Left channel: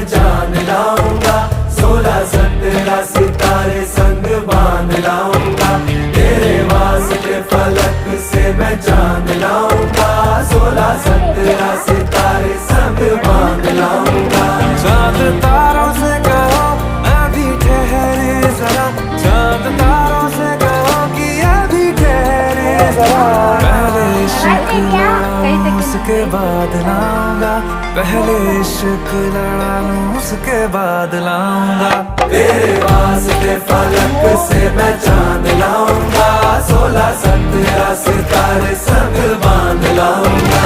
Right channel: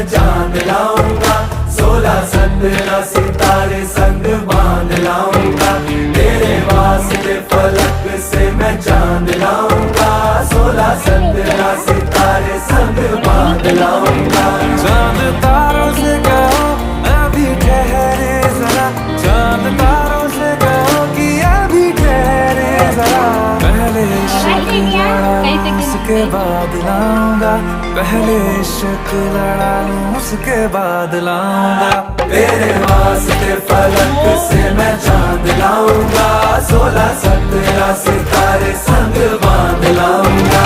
मैं जान लाऊंगा 16 17 सितारे संग बांध लाऊंगा तेरे वास्ते फलक से मैं जान लाऊंगा 16 17 सितारे संग बांध लाऊंगा चांद तारों से कहो अभी ठहरे जरा चांद तारों से कहो कि अभी ठहरे जरा पहले इश्क लड़ा लूं उसके बाद लाऊंगा पहले इश्क लड़ा लूं उसके बाद लाऊंगा तेरे वास्ते फलक से मैं चांद लाऊंगा 16 17 सितारे संग बांध लाऊंगा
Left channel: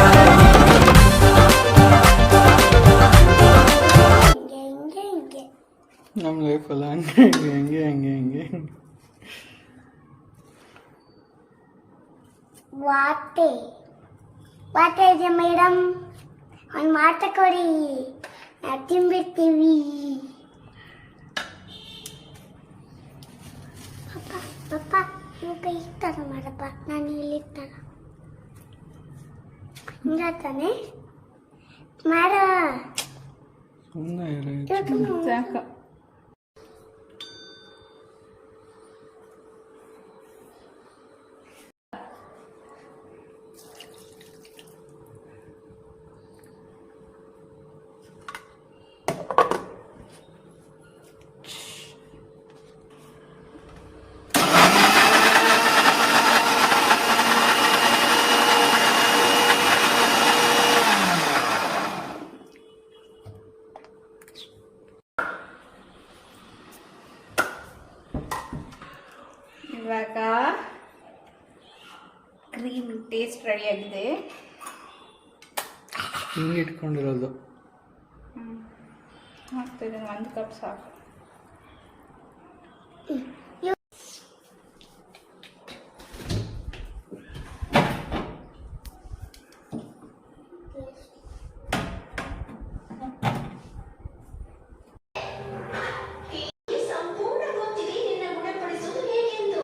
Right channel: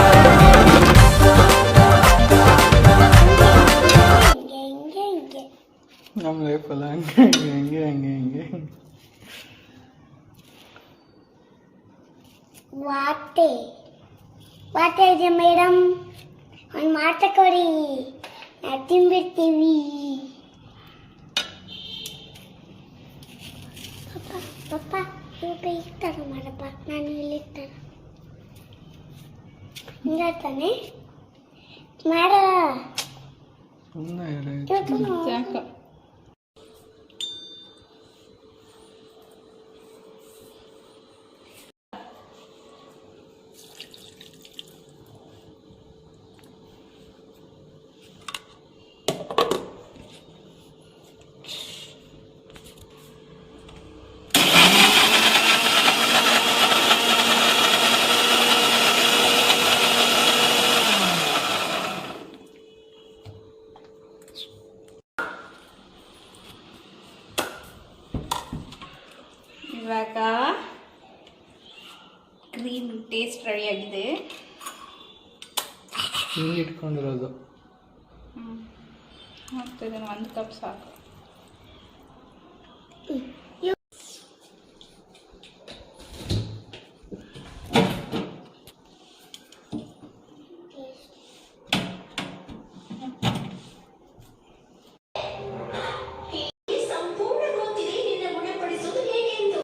ನಮ್ಮ ಲೈಫಲ್ಲ ಹಂಗೆ ವಾಟೆ ಇದೆ ಮೇಡಮ್ ಒಂದು ಮಾತಾ ಕೊಡಿ ನಾವು ತಿಂಬಿಡ್ತೀವಿ ಪಪ್ಪ ಪಪ್ಪ ಇವಾಗ ಇರ್ತಾರ ಮಾಡಪ್ಪ ನಾನು ಇಲ್ಲಿರ್ತಾರ ಹಿಂಗಾತಾನೆ ಮಾಡ ಸುಮ್ಮನೆ ಇವಾಗ ಕ್ರೀಮ್ ಟೇಸ್ಟ್ ರೆಡಿಯಾಗಿದೆ ಹಿಂಗೆ ಇಟ್ಕೊಂಡಿರೋದು ಹಾಕ್ತಿದ್ದೀನಿ 1 ಕಪ್ ಸಾಕು